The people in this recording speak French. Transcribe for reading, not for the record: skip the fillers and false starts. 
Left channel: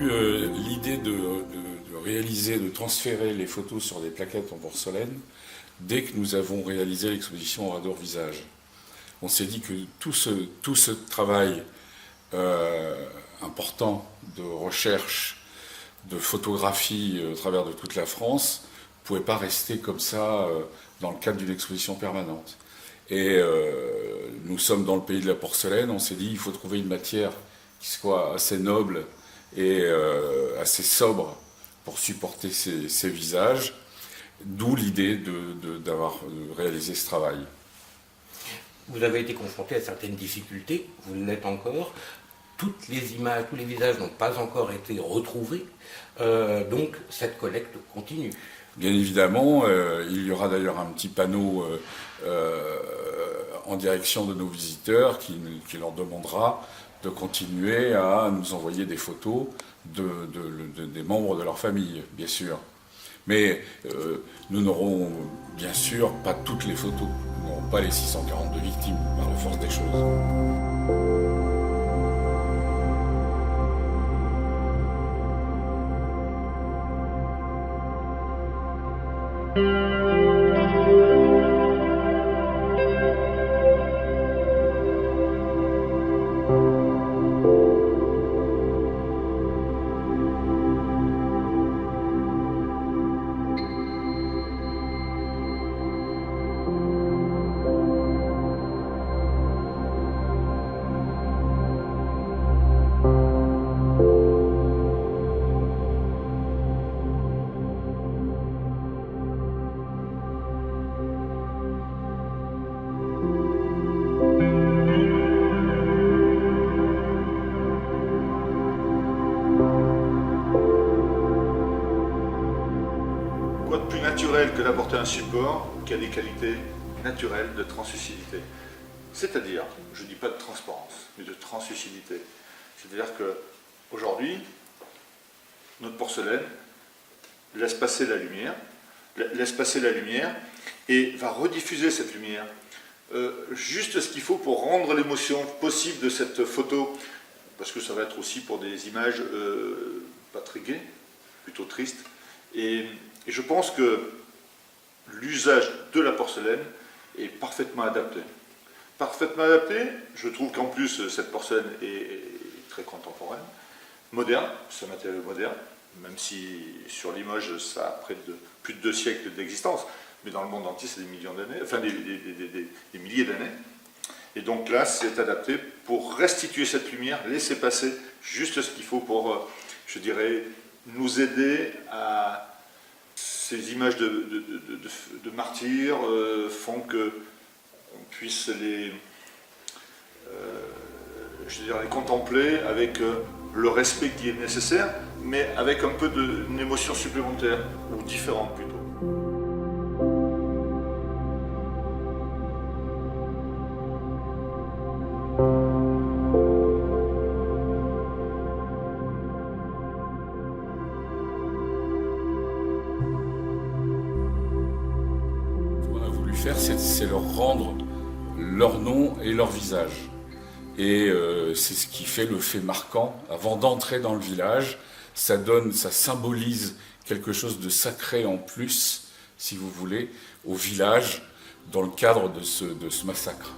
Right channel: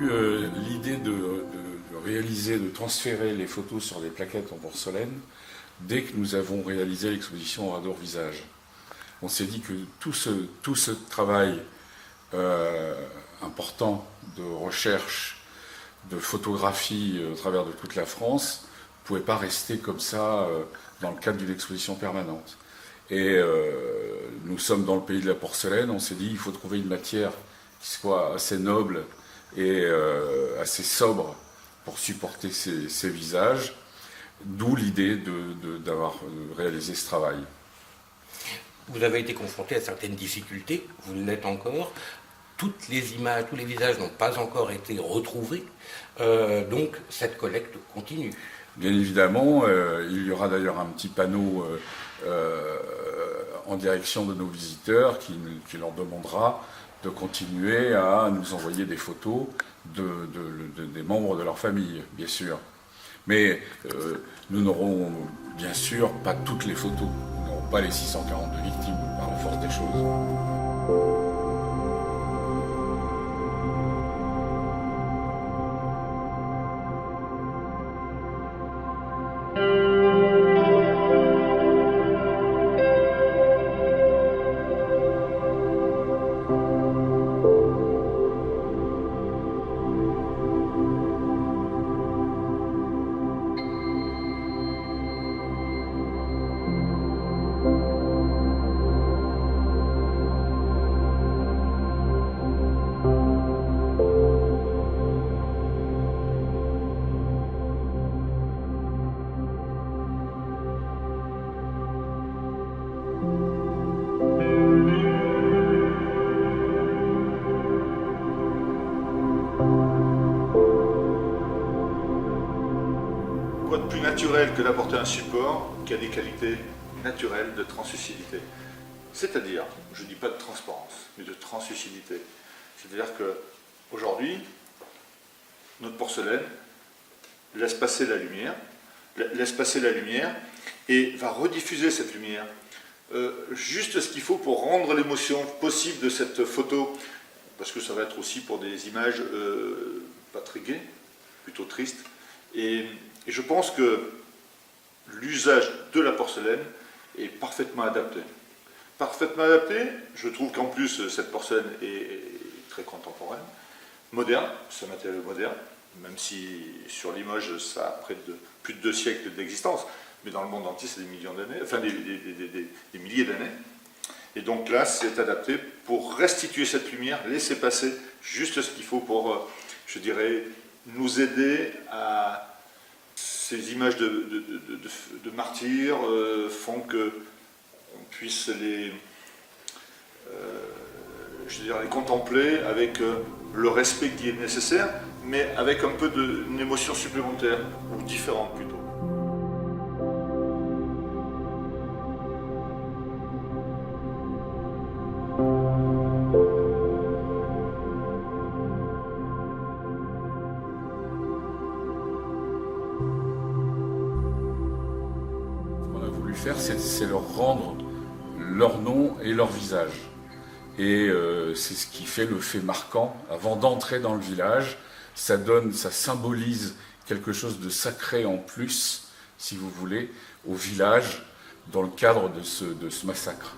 l'idée de réaliser, de transférer les photos sur des plaquettes en porcelaine dès que nous avons réalisé l'exposition Oradour Visage. On s'est dit que tout ce travail important de recherche, de photographie au travers de toute la France ne pouvait pas rester comme ça dans le cadre d'une exposition permanente. Et nous sommes dans le pays de la porcelaine, on s'est dit il faut trouver une matière qui soit assez noble et assez sobre pour supporter ces visages, d'où l'idée d'avoir réalisé ce travail. Vous avez été confronté à certaines difficultés, vous l'êtes encore. Toutes les images, tous les visages n'ont pas encore été retrouvés, donc cette collecte continue. Bien évidemment, il y aura d'ailleurs un petit panneau en direction de nos visiteurs qui leur demandera de continuer à nous envoyer des photos des membres de leur famille, bien sûr. Mais nous n'aurons bien sûr pas toutes les photos, nous n'aurons pas les 642 victimes par la force des choses. Quoi de plus naturel que d'apporter un support qui a des qualités naturelles de translucidité. C'est-à-dire, je ne dis pas de transparence, mais de translucidité. C'est-à-dire qu'aujourd'hui, notre porcelaine laisse passer la lumière et va rediffuser cette lumière. Juste ce qu'il faut pour rendre l'émotion possible de cette photo, parce que ça va être aussi pour des images pas très gaies, plutôt tristes. Et je pense que l'usage de la porcelaine est parfaitement adapté. Parfaitement adapté, je trouve qu'en plus cette porcelaine est très contemporaine, moderne, c'est un matériau moderne, même si sur Limoges ça a plus de 2 siècles d'existence, mais dans le monde entier c'est des millions d'années, enfin des milliers d'années. Et donc là c'est adapté pour restituer cette lumière, laisser passer juste ce qu'il faut pour, je dirais, nous aider à... Ces images de martyrs font qu'on puisse les contempler avec le respect qui est nécessaire, mais avec un peu d'une émotion supplémentaire, ou différente plutôt. C'est leur rendre leur nom et leur visage. Et c'est ce qui fait le fait marquant. Avant d'entrer dans le village, ça symbolise quelque chose de sacré en plus, si vous voulez, au village, dans le cadre de ce massacre.